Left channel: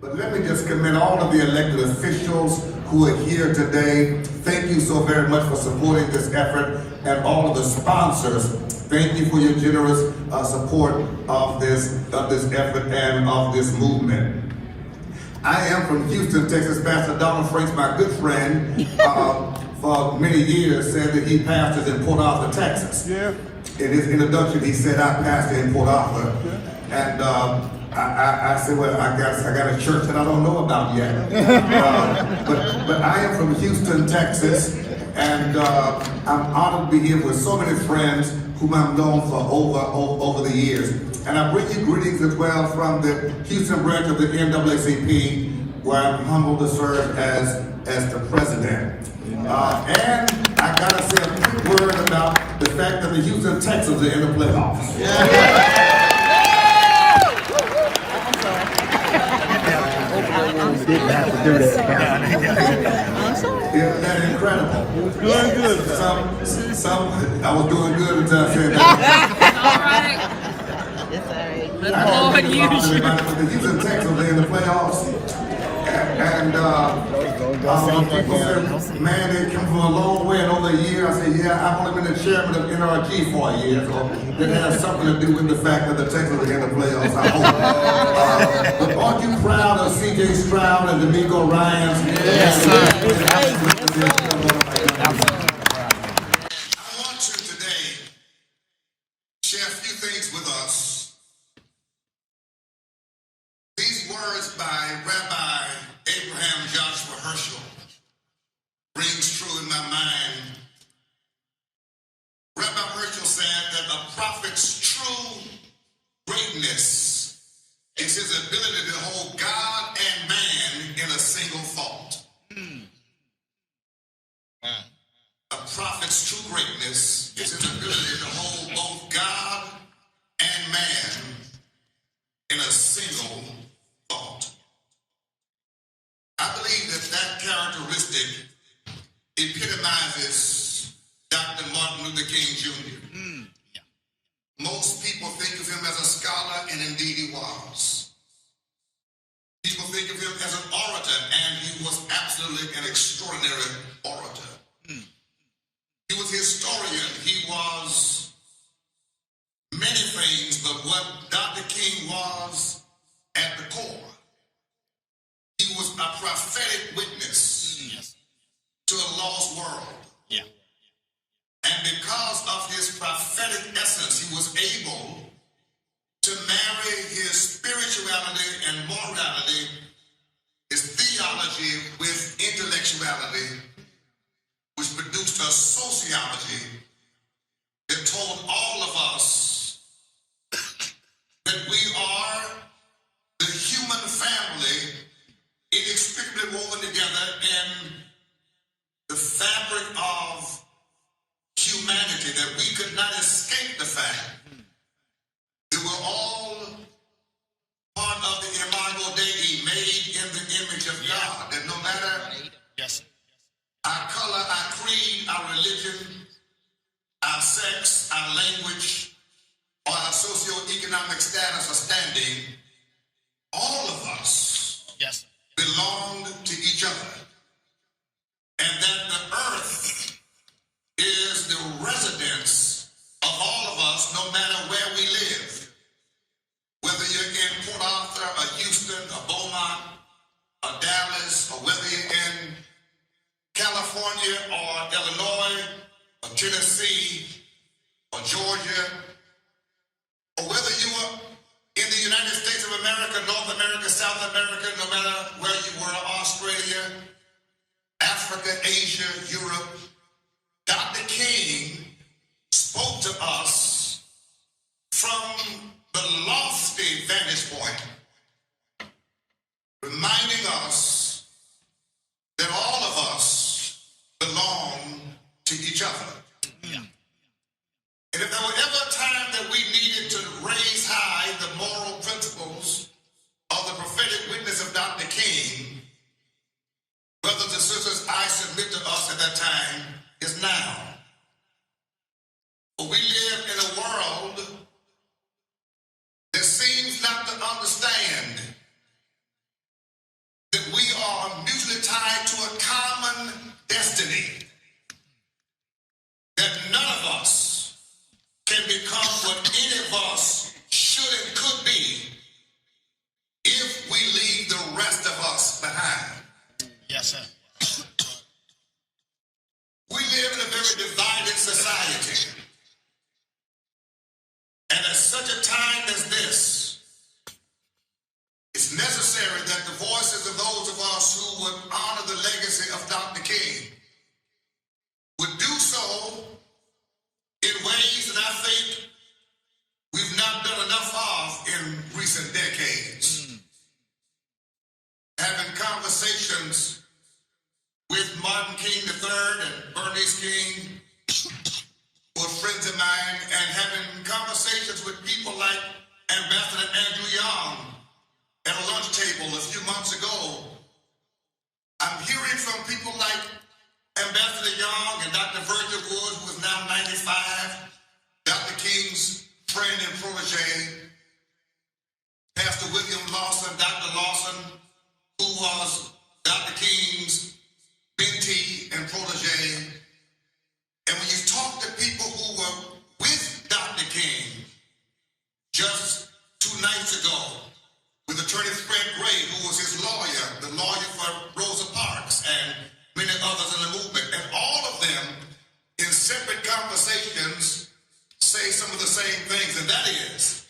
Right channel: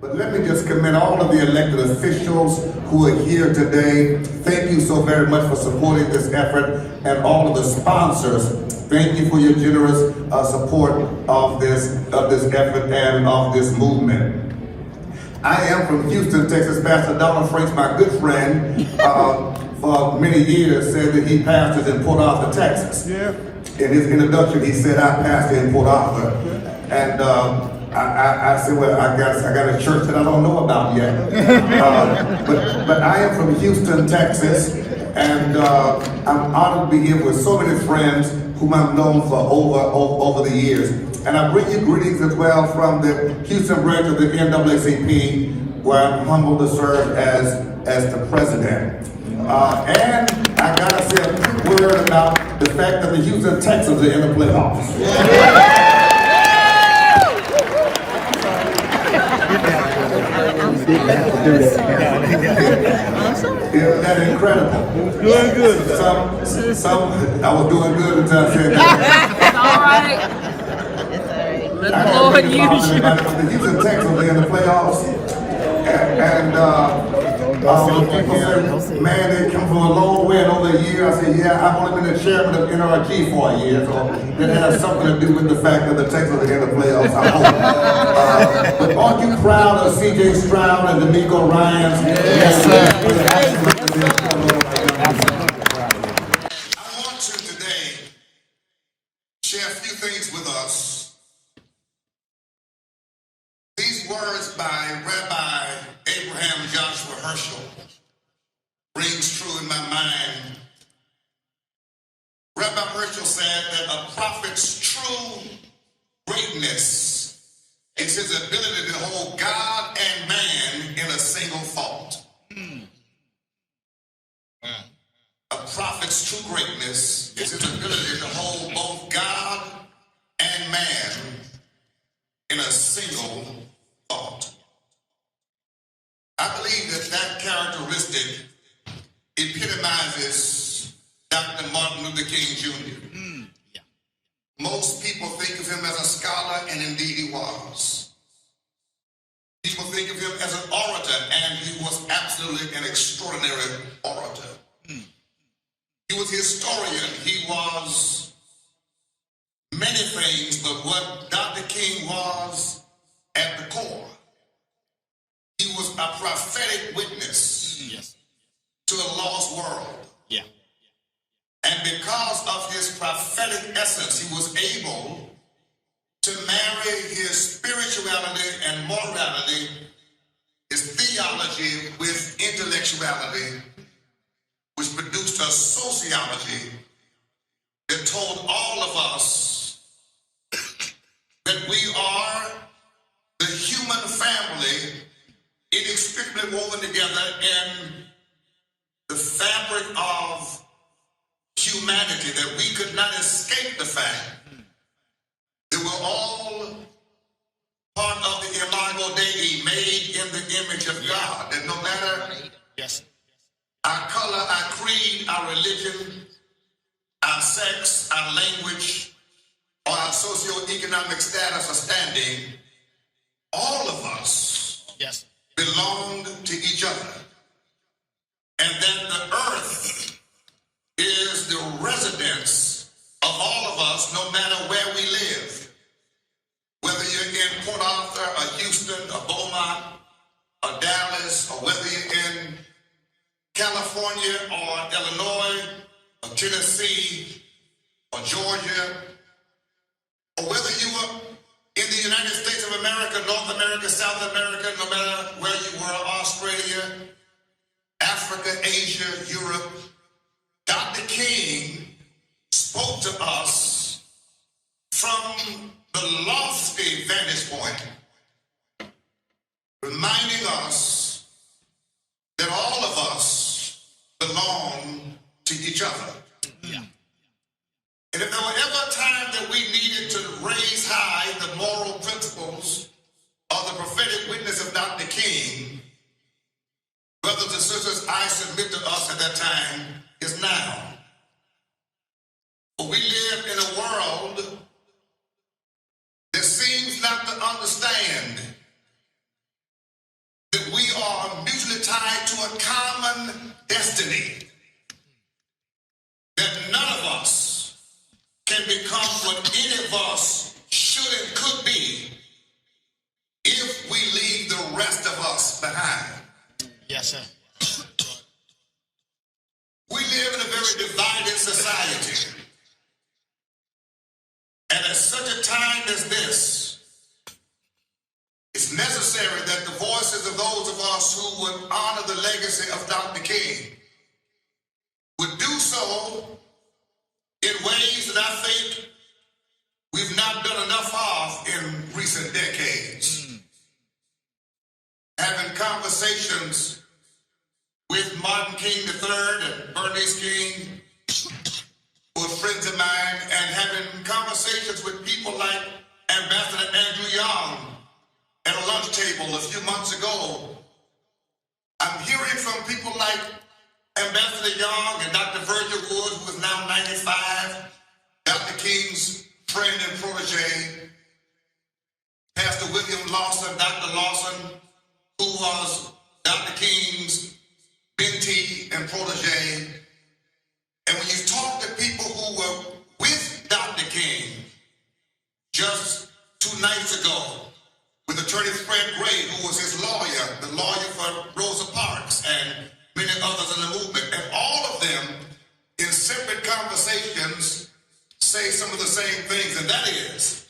But let me just commend all of the elected officials who are here today. Thank you so very much for supporting this effort, and all of the sponsors. Thank you for your generous support of this effort and of this movement. I am from Houston, Texas. Pastor Donald Franks, my good friend, for many years said that he pastors in Port Arthur, Texas. Yeah. In his introduction, he said, I pastor in Port Arthur. And I said, well, I got a church that I don't know about yet. But I am from Houston, Texas, and I'm honored to be here with so many friends whom I've known for over the years. And I bring you greetings as well from the Houston branch of the NAACP, where I'm humbled to serve as the president. And I gotta say a quick word about the fact that the Houston Texans are in the playoffs. Yeah. Didn't have to do that. Isn't that incredible? It was good. I was doing good until I said that. It's all right. Let the Lord use you. The Houston Texans are in the playoffs. And people said, man, they come from a long way and over a year. I said, yeah, I've only been the chairman of NRG for a year, so it has something to do with the fact that the Texans are in the playoffs, I hope. But aren't you proud of C.J. Stroud and D'Amico Ryans? Yes, sir. I want to today share a few things with us. These words by Rabbi Abraham Joshua Herschel rings true in my mind. Rabbi Herschel said that a prophet's true greatness is his ability to hold God and man in a single thought. A prophet's true greatness is his ability to hold both God and man in a single thought. I believe that characteristic epitomizes Dr. Martin Luther King Jr. Most people think of him as a scholar, and indeed he was. People think of him as an orator, and he was absolutely an extraordinary orator. He was a historian. He was many things, but what Dr. King was at the core, he was a prophetic witness to a lost world. Yeah. And because of his prophetic essence, he was able to marry his spirituality and morality, his theology with intellectuality, which produced a sociology that told all of us that we are the human family inextricably woven together in the fabric of humanity, that we could not escape the fact that we're all part of the imago Dei, made in the image of God, that no matter our color, our creed, our religion, our sex, our language, or our socioeconomic status or standing, all of us belong to each other. And that the earth is the residence of all of us, no matter where we live. Whether you're in Port Arthur, or Houston, or Beaumont, or Dallas, or whether you're in California, or Illinois, or Tennessee, or Georgia, or whether you are in the United States of America, North America, South America, no matter where you were, Australia, Africa, Asia, Europe, Dr. King spoke to us from the lofty vantage point, reminding us that all of us belong to each other. And if there were ever a time that we needed to raise high the moral principles of the prophetic witness of Dr. King, brothers and sisters, I submit to us at that time is now. For we live in a world that seems not to understand destiny. That none of us can become what any of us should and could be if we leave the rest of us behind. Yes, sir. We live in a very divided society. And at such a time as this, it's necessary that the voices of those of us who would honor the legacy of Dr. King would do so in ways that I think we've not done enough of in recent decades. Having conversations with Martin King III and Bernice King, who are friends of mine, and having conversations with people like Ambassador Andrew Young at a lunch table a few months ago. I'm hearing from people like Ambassador Young and Dr. Virgil Wood, who is now 95, Dr. King's friend and protege, Pastor William Lawson, Dr. Lawson, who was Dr. King's mentee and protege. And when you talk to people who were with Dr. King just 2 nights ago, with Attorney Fred Gray, who was his lawyer, the lawyer for Rosa Parks and many others in the movement, and all of them in separate conversations say some of the same things, and that is,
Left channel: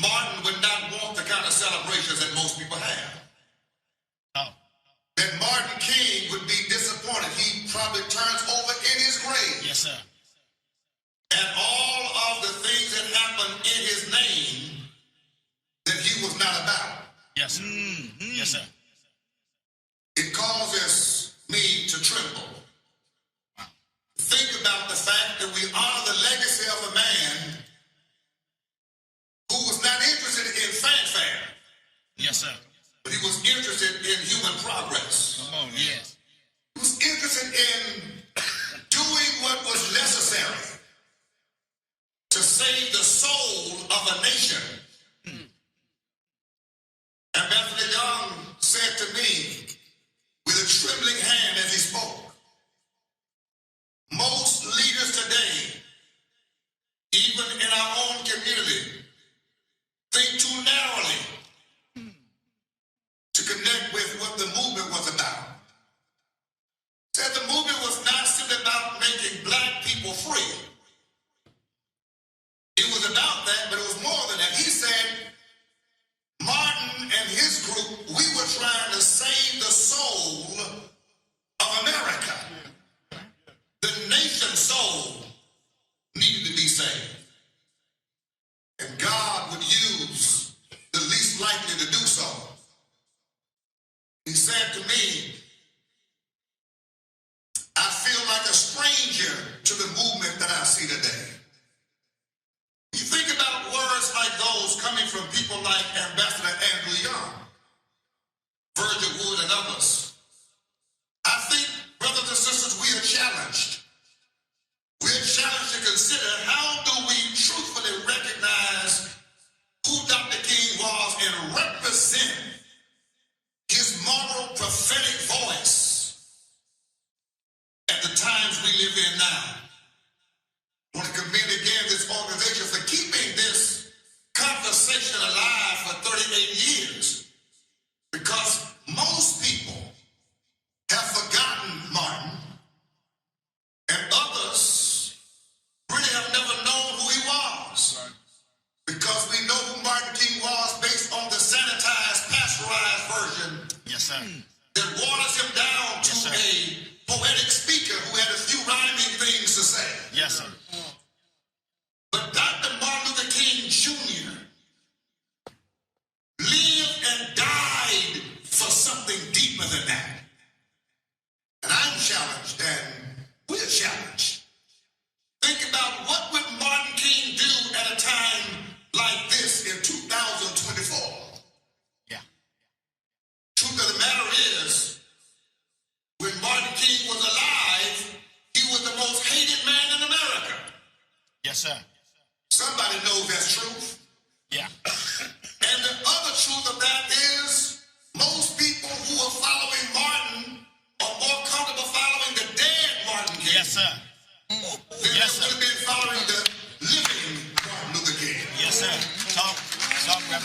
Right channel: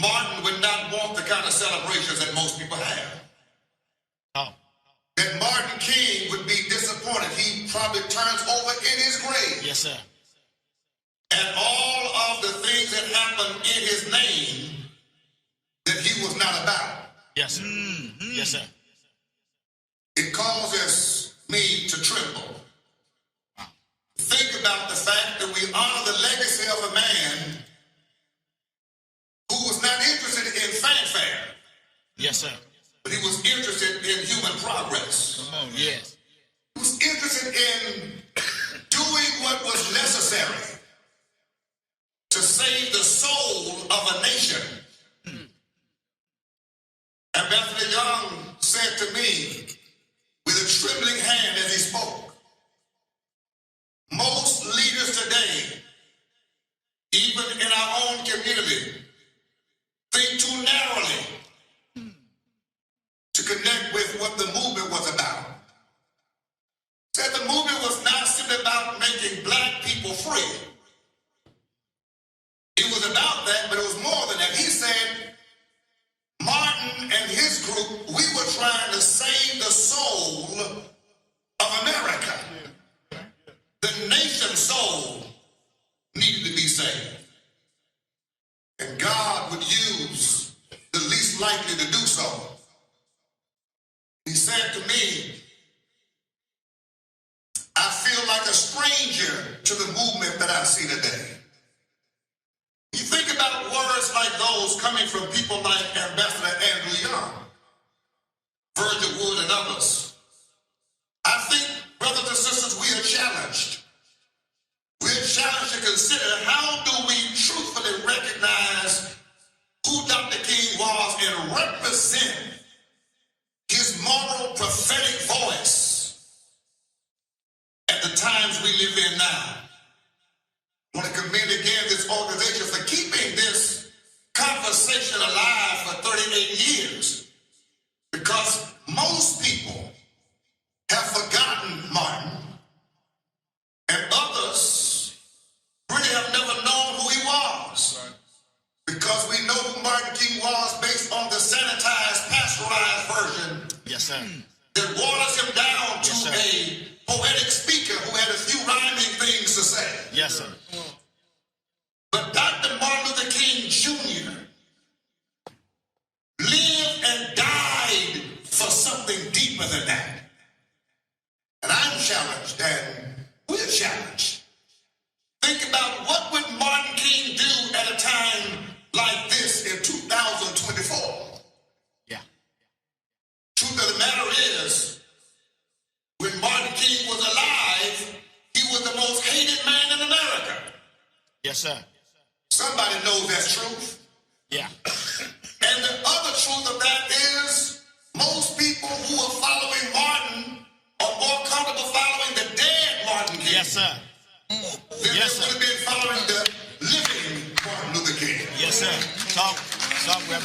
Martin would not want the kind of celebrations that most people have. That Martin King would be disappointed. He probably turns over in his grave. Yes, sir. And all of the things that happened in his name that he was not about. Yes, sir. Yes, sir. It causes me to tremble. Think about the fact that we honor the legacy of a man who was not interested in fanfare. Yes, sir. But he was interested in human progress. Come on, yes. He was interested in doing what was necessary to save the soul of a nation. Ambassador Young said to me with a trembling hand as he spoke, most leaders today, even in our own community, think too narrowly to connect with what the movement was about. Said the movement was not simply about making black people free. It was about that, but it was more than that. He said, Martin and his group, we were trying to save the soul of America. The nation's soul needed to be saved. And God would use the least likely to do so. He said to me, I feel like a stranger to the movement that I see today. You think about words like those coming from people like Ambassador Andrew Young, Virgil Wood, and others. I think, brothers and sisters, we are challenged. We are challenged to consider how do we truthfully recognize who Dr. King was and represent his moral prophetic voice at the times we live in now. I want to commend again this organization for keeping this conversation alive for 38 years, because most people have forgotten Martin, and others really have never known who he was. Right. Because we know who Martin King was based on the sanitized, pasteurized version. Yes, sir. That waters him down to a poetic speaker who had a few rhyming things to say. Yes, sir. But Dr. Martin Luther King Jr. lived and died for something deeper than that. And I'm challenged, and we're challenged. Think about what would Martin King do at a time like this in 2024. Yeah. Truth of the matter is, when Martin King was alive, he was the most hated man in America. Yes, sir. Somebody knows that's truth. Yeah. And the other truth of that is, most people who are following Martin are more comfortable following the Yes, sir. Then Yes, they sir. would have been following the living Martin Luther King. Yes, sir. Talk, Reverend.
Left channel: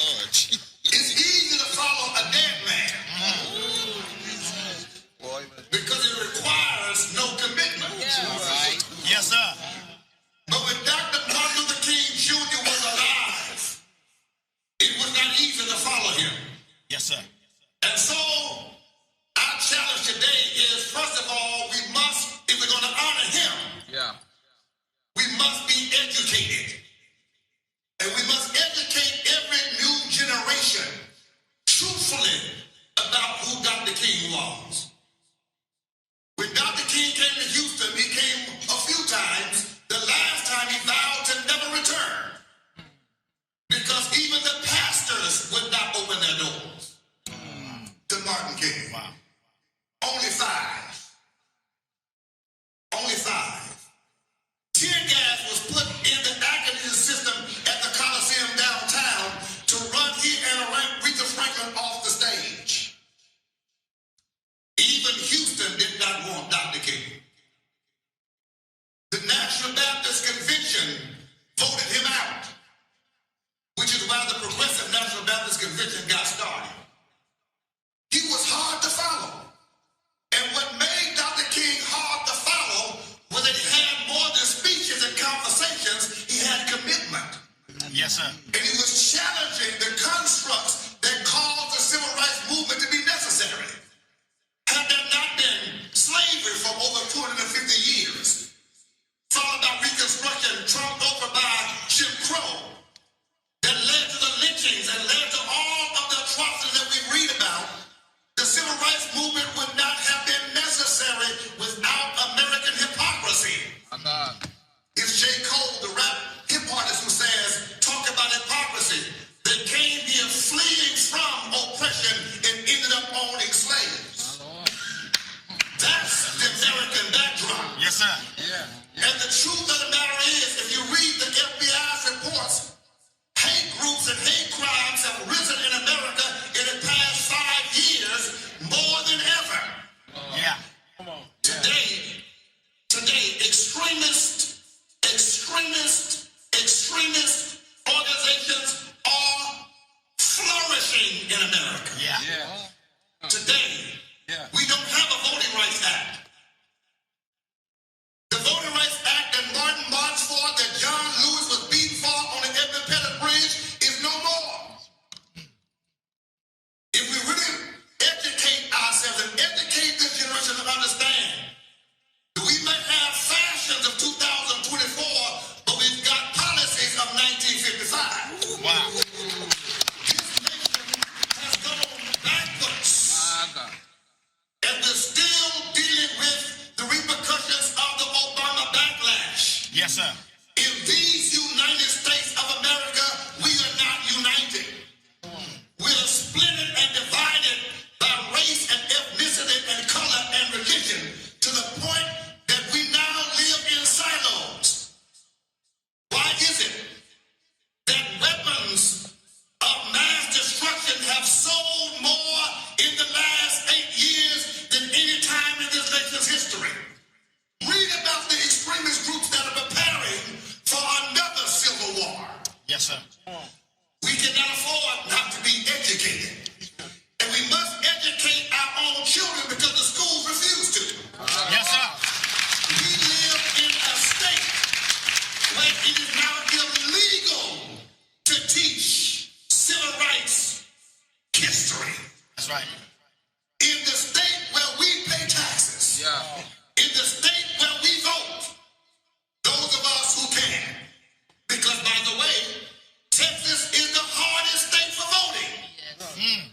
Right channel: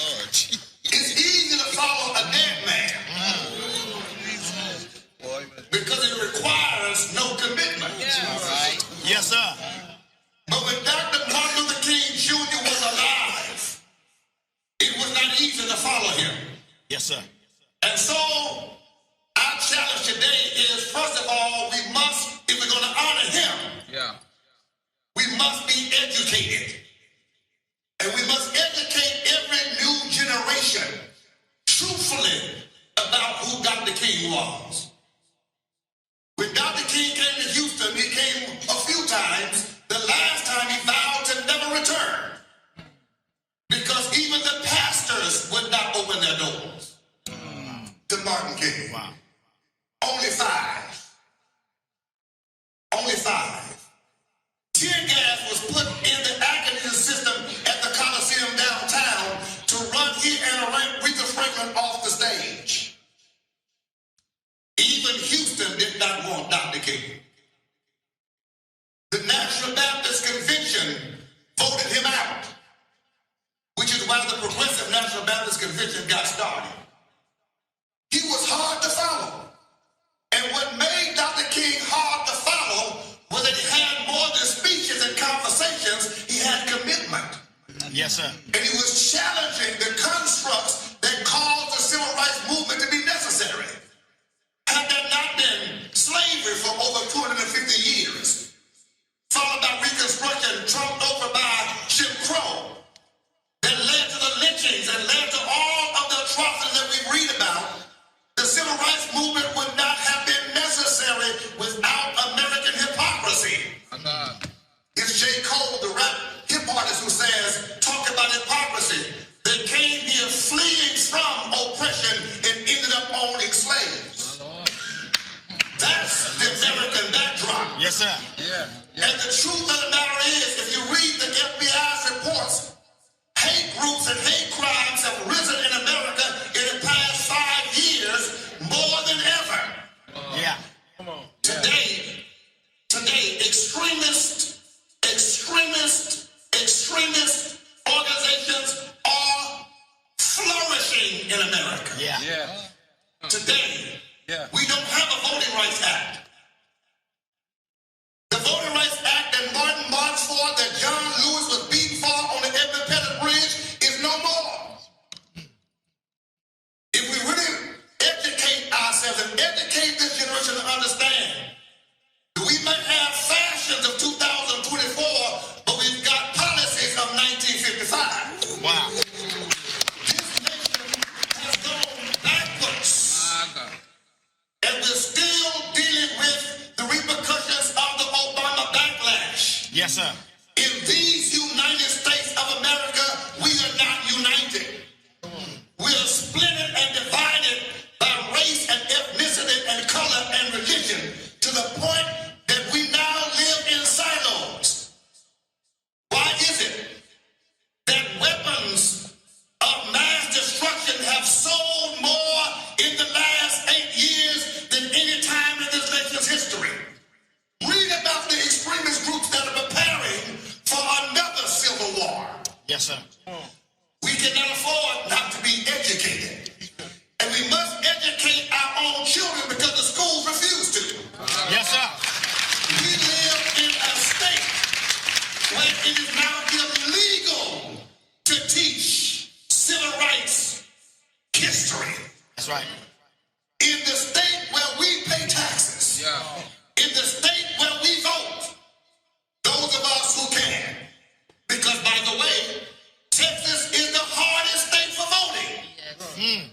Lord. It's easy to follow a dead man because it requires no commitment. All right. Yes, sir. But when Dr. Martin Luther King Jr. was alive, it was not easy to follow him. Yes, sir. And so our challenge today is, first of all, we must, if we're going to honor him, we must be educated. And we must educate every new generation truthfully about who Dr. King was. When Dr. King came to Houston, he came a few times. The last time he vowed to never return. Because even the pastors would not open their doors to Martin King. Wow. Only 5. Only 5. Tear gas was put in the academic system at the Coliseum downtown to run he and Aretha Franklin off the stage. Even Houston did not want Dr. King. The National Baptist Convention voted him out, which is why the Progressive National Baptist Convention got started. He was hard to follow. And what made Dr. King hard to follow was that he had more than speeches and conversations, he had commitment. Yes, sir. And he was challenging the constructs that caused the civil rights movement to be necessary. Had there not been slavery for over 250 years, followed by Reconstruction, trumped over by Jim Crow, that led to the lynchings and led to all of the atrocities that we read about, the civil rights movement would not have been necessary without American hypocrisy. It's J. Cole, the rap hip artist, who says, talk about hypocrisy. They came here fleeing from oppression and ended up owning slaves. That's the American backdrop. Yes, sir. And the truth of the matter is, if you read the FBI's reports, hate groups and hate crimes have risen in America in the past 5 years more than ever. Yeah. Today, extremist organizations are flourishing in America. Yeah. Today, we don't have a Voting Rights Act. The Voting Rights Act that Martin marched for, that John Lewis was beaten for on the Edmund Pettus Bridge, is no more. If we really educate ourselves and educate this generation to understand, we might have fashions of 2024, but we've got policies of 1955. Wow. This nation has gone backwards. And we're still dealing with the repercussions of the Obama backlash. Yes, sir. In these United States of America, we are not united. We are split and divided by race and ethnicity and color and religion to the point that we now live in silos. Why is it that weapons of mass destruction have sold more in the last 8 years than any time in this nation's history? Read about the extremist groups that are preparing for another civil war. Yes, sir. We cannot afford not to be educated. And we must educate our own children because the schools refuse to. Yes, sir. We live in a state where it is now illegal to teach civil rights history. That's right. In the state where we pay taxes. In the state where we vote. Those of us who can. Because, by the way, Texas is the hardest state for voting.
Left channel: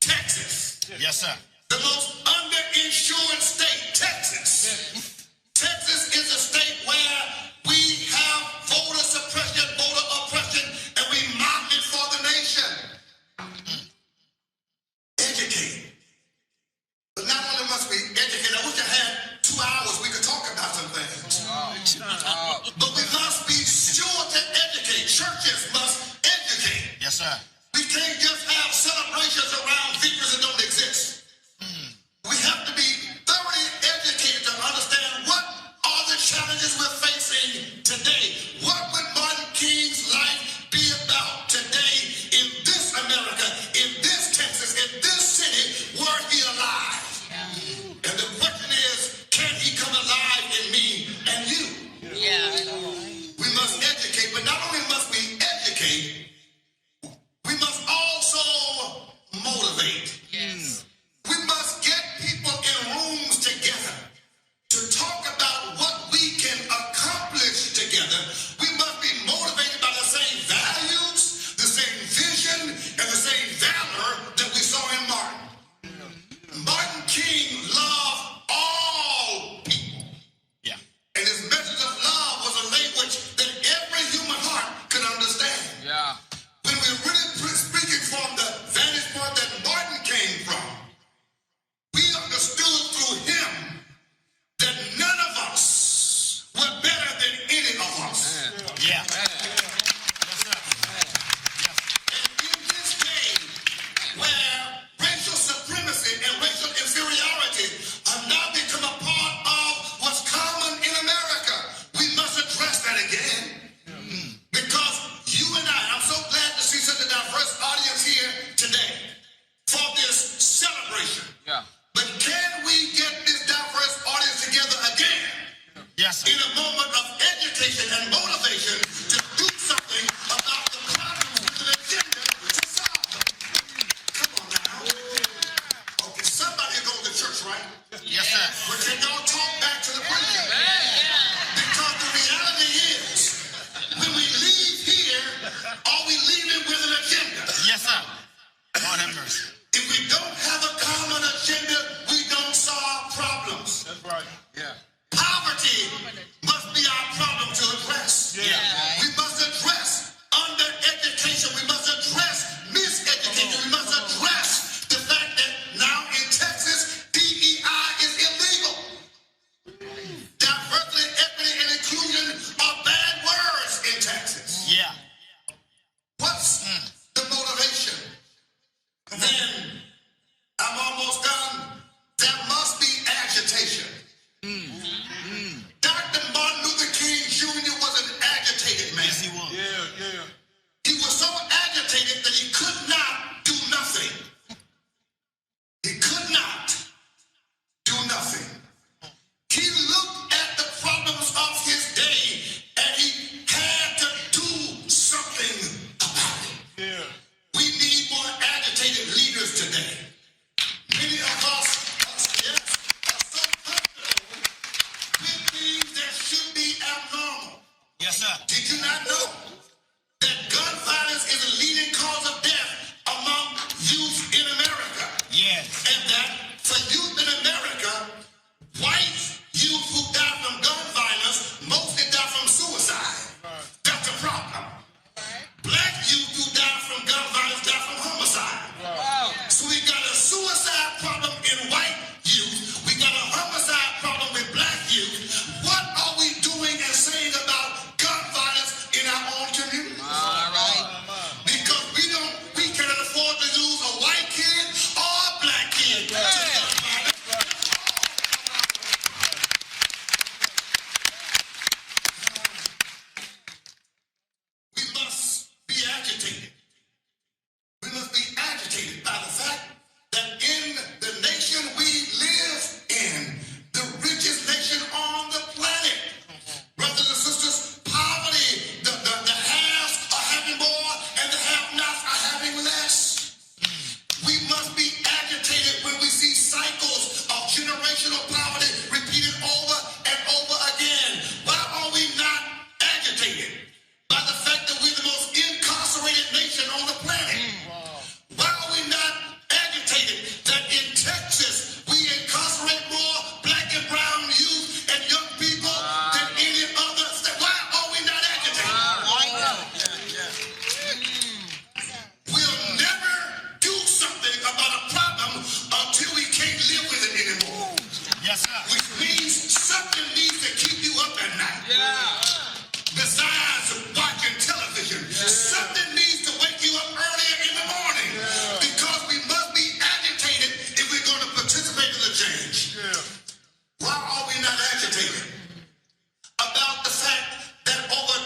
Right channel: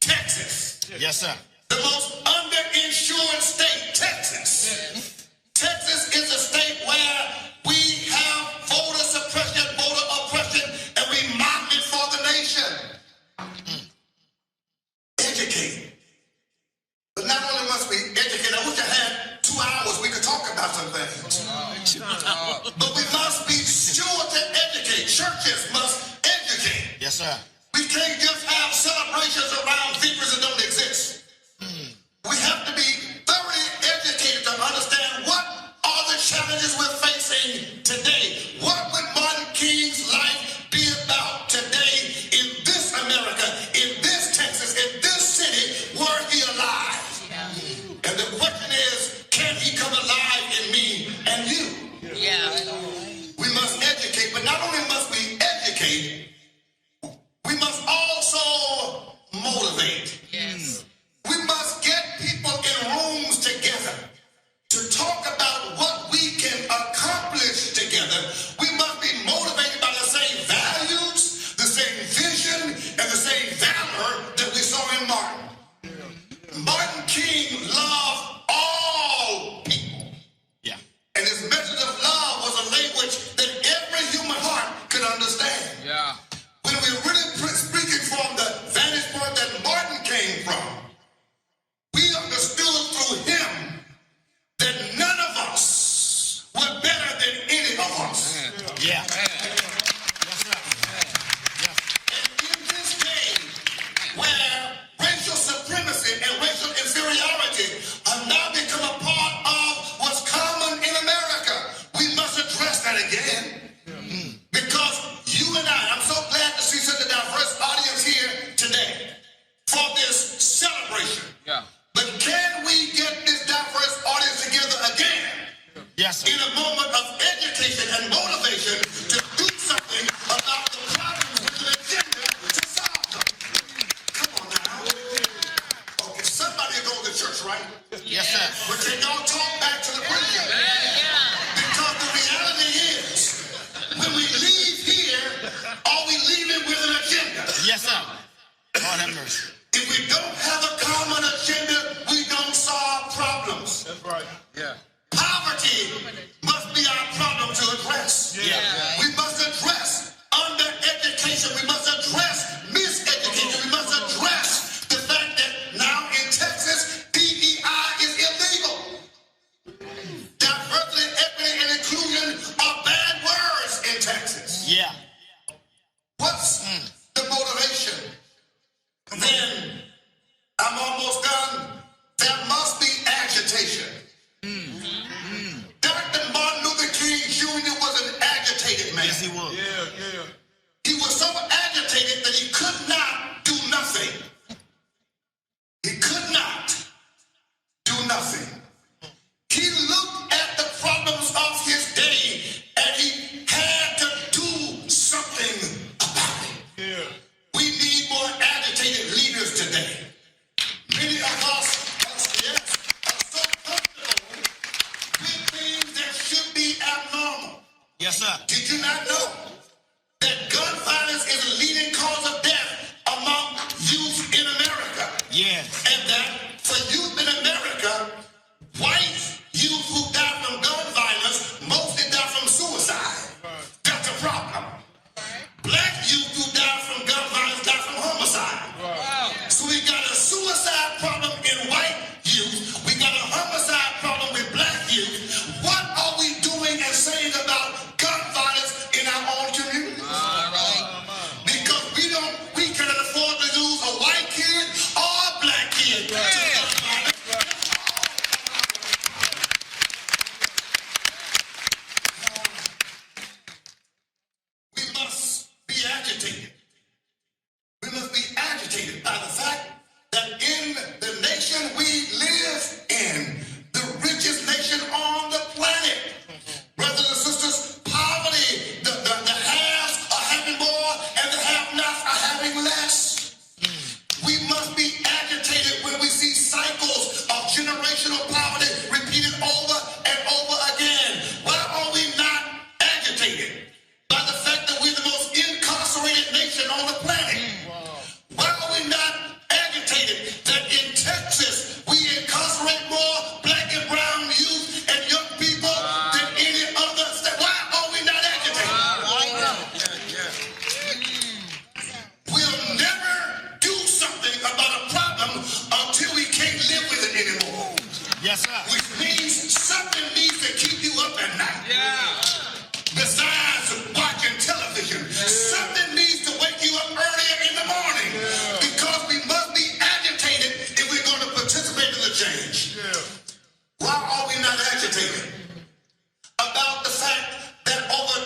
Texas. Yes, sir. The most underinsured state, Texas. Texas is a state where we have voter suppression, voter oppression, and we mock it for the nation. Educate. But not only must we educate, I wish I had 2 hours we could talk about some things. But we must be sure to educate. Churches must educate. Yes, sir. We can't just have celebrations around figures that don't exist. We have to be thoroughly educated we're facing today. What would Martin King's life be about today in this America, in this Texas, in this city, were he alive? And the question is, can he come alive in me and you? We must educate, but not only must we educate, we must also motivate. We must get people in rooms together to talk about what we can accomplish together. We must be motivated by the same values, the same vision, and the same valor that we saw in Martin. Martin King loved all people. Yeah. And his message of love was a language that every human heart could understand. Yeah. When we're really speaking from the vantage point that Martin came from, we understood through him that none of us were better than any of us. Yeah. And in this day, where racial supremacy and racial inferiority have now become a part of what's common in America, we must address that again. Because you and I'm so glad to see such a diverse audience here today for this celebration. Yeah. But can we get this diverse audience together again Yes, sir. in a moment of education and motivation to do something about the problems with an agenda to solve them? Come on now. Okay, somebody goes to church, right? Yes, sir. But can y'all talk back to the preacher? Because the reality is, when we leave here, are we leaving with an agenda? Yes, sir. Lord have mercy. If we don't have a common agenda, we don't solve problems. That's right. Yeah. Poverty must be our problem to address. Yeah. We must address under-education. We must address miseducation. We must address the fact that now in Texas, DEI is illegal. Diversity, equity, and inclusion are bad words in Texas. Yeah. What's the motivation? Then, I'm almost done. There must be agitation. Dr. Martin Luther King Jr. was an agitated man. Yes, he was. Yeah. He was so agitated that he could not do nothing. He could not do nothing. He looked at the problems of his day and he had to do something about it. Yeah. We need more agitated leaders today. Many of us are so comfortable with things that should be abnormal. Yes, sir. Did you not know that gun violence is a leading cause of death among youth in America? Yes. And that for youth in America, white youth who die from gun violence mostly die from suicide. That's a problem. Black youth who die from gun violence die from homicide. So we got a suicide problem in white youth. We got a homicide problem with black youth. What are we doing and saying about gun violence in our own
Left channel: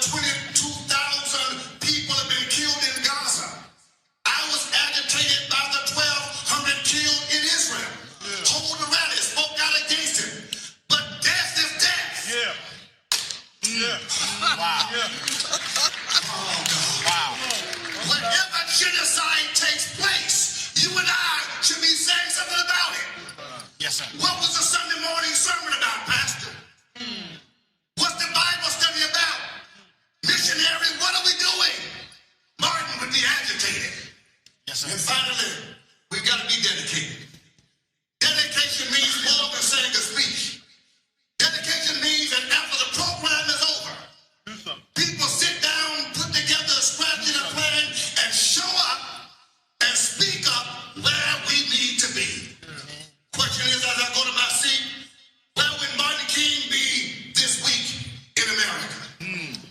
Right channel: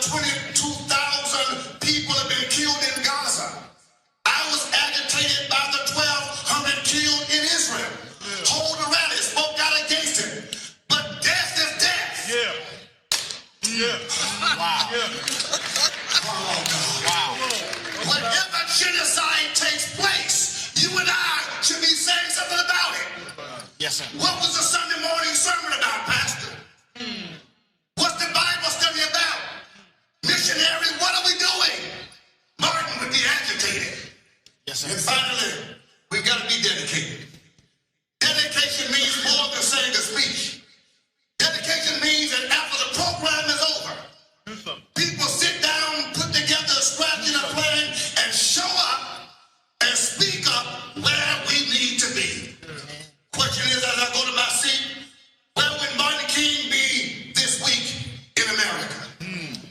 22,000 people have been killed in Gaza. I was agitated about the 1,200 killed in Israel. Whole rally spoke out against it. But death is death. Wow. Oh, God. Wow. Whenever genocide takes place, you and I should be saying something about it. Yes, sir. What was the Sunday morning sermon about, Pastor? What's the Bible study about? Missionary, what are we doing? Martin would be agitated. Yes, And sir. finally, we got to be dedicated. Dedication means more than saying a speech. Dedication means that after the program is over, people sit down, put together a strategy and a plan, and show up and speak up where we need to be. Question is, as I go to my seat, where would Martin King be this week in America?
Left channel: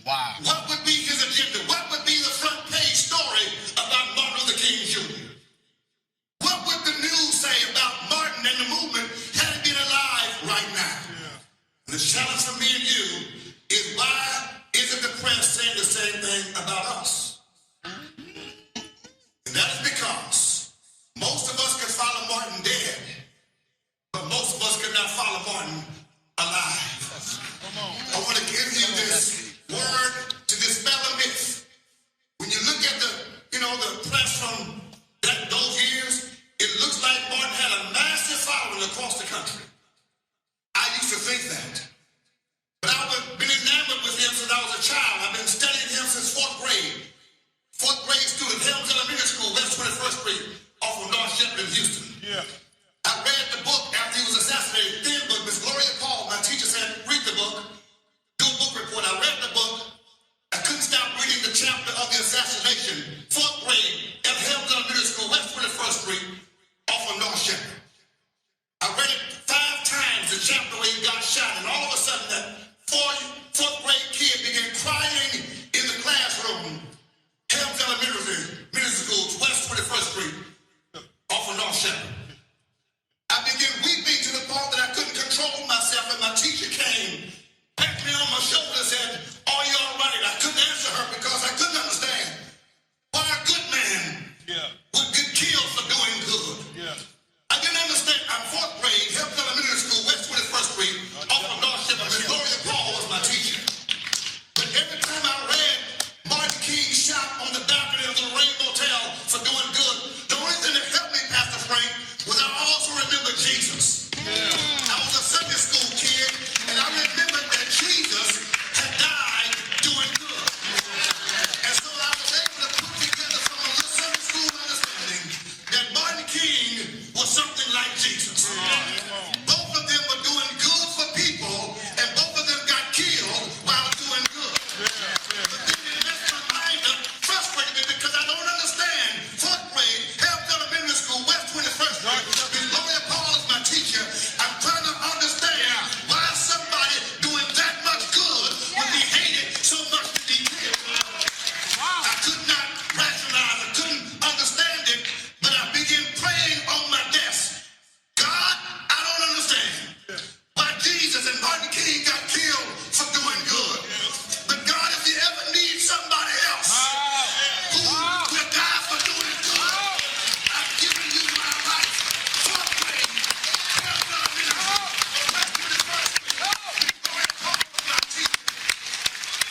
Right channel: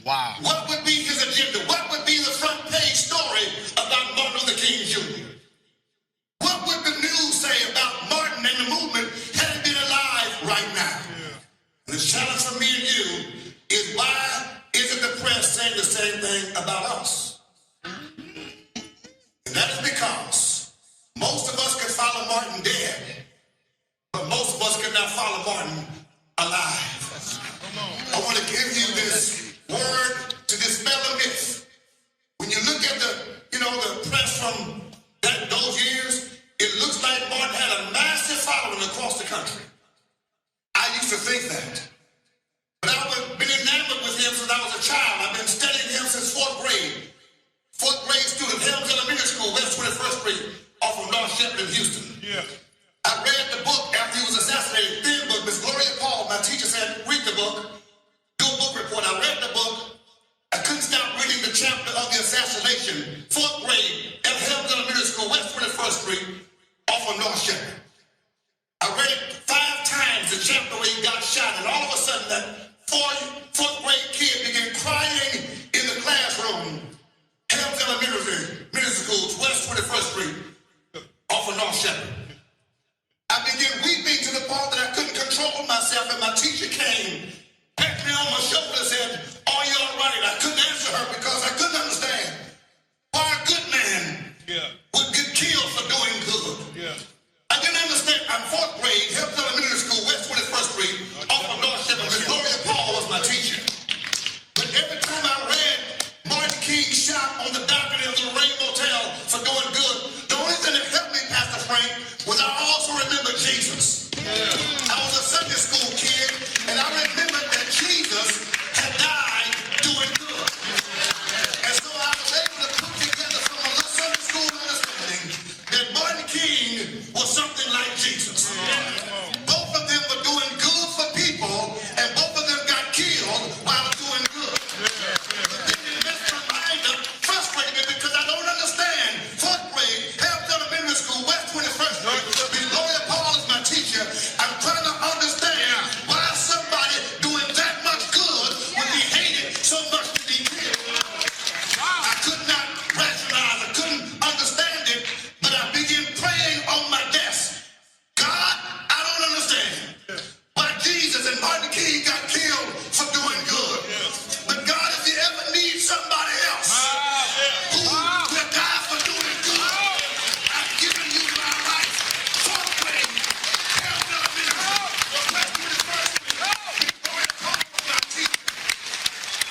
Wow. What would be his agenda? What would be the front page story about Martin Luther King Jr.? What would the news say about Martin and the movement had he been alive right now? The challenge for me and you is, why isn't the press saying the same thing about us? And that is because most of us can follow Martin dead, but most of us cannot follow Martin alive. I want to give you this word to dispel a myth. When you look at the press from those years, it looks like Martin had a massive following across the country. I used to think that. But I've been enamored with him since I was a child. I've been studying him since fourth grade. Fourth grade student, Helms Elementary School, West 21st Street, off of North Shepherd in Houston. I read the book after he was assassinated, thin book. Miss Gloria Paul, my teacher, said, read the book, do a book report. I read the book. I couldn't stop reading the chapter of the assassination. Fourth grade at Helms Elementary School, West 21st Street, off of North Shepherd. I read it 5 times, the chapter where he got shot, and all of a sudden that fourth grade kid began crying in the classroom. Helms Elementary School, West 21st Street, off of North Shepherd. I began weeping to the point that I couldn't control myself, and my teacher came, patted me on my shoulder and said, "Are you all right?" I couldn't answer her because I couldn't understand why a good man would get killed for doing good. I didn't understand. I'm fourth grade, Helms Elementary School, West 21st Street, off of North Shepherd. Miss Gloria Paul was my teacher. But every time I read Martin King shot on the balcony of the Rainbow Hotel for doing good, the only thing that helped me, Pastor Frank, was I also remember Jesus. I was a Sunday school kid, and I remembered that Jesus had died doing good. And so I was able to put together from a little Sunday school understanding that Martin King was something like Jesus. Both of them were doing good for people, and both of them got killed while doing good. But then it left my mind frustrated me because I don't understand. Fourth grade, Helms Elementary School, West 21st Street. Gloria Paul is my teacher. I'm trying to understand why somebody doing that much good would be hated so much to be killed. I could not rationalize, I couldn't understand it, but I began praying on my desk. God, I don't understand why Jesus and Martin King got killed for doing good. But God, if you ever need somebody else who will die for doing good, I've given you my life. Fourth grade, Helms Elementary School, West 21st Street, Gloria Paul was my teacher.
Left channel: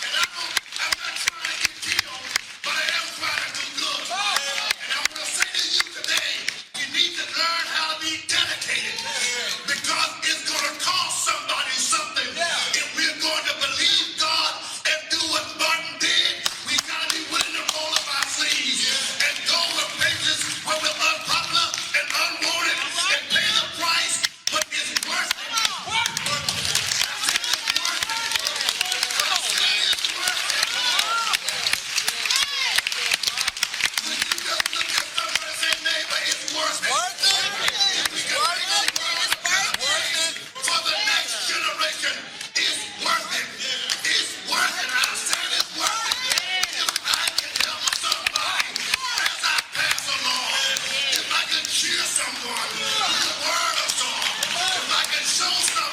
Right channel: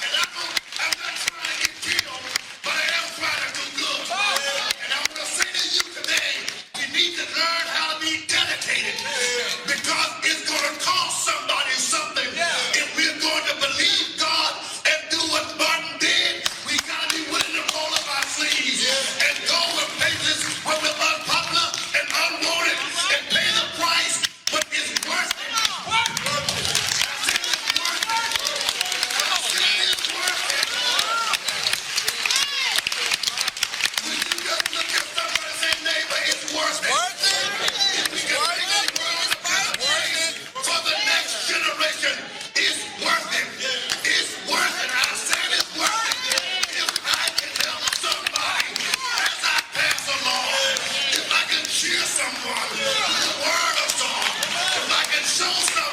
And I'm not trying to get killed, but I am trying to do good. And I want to say to you today, you need to learn how to be dedicated, because it's going to cost somebody something. If we're going to believe God and do what Martin did, we got to be willing to roll up our sleeves and go with places where we're unpopular and unwanted and pay the price, but it's worth it. When you just look at somebody and say, neighbor, it's worth it. If we can make it for the next generation, it's worth it. It's worth it. I said it's worth it. If I can help somebody as I pass along, if I can cheer someone with a word of song, if I can show somebody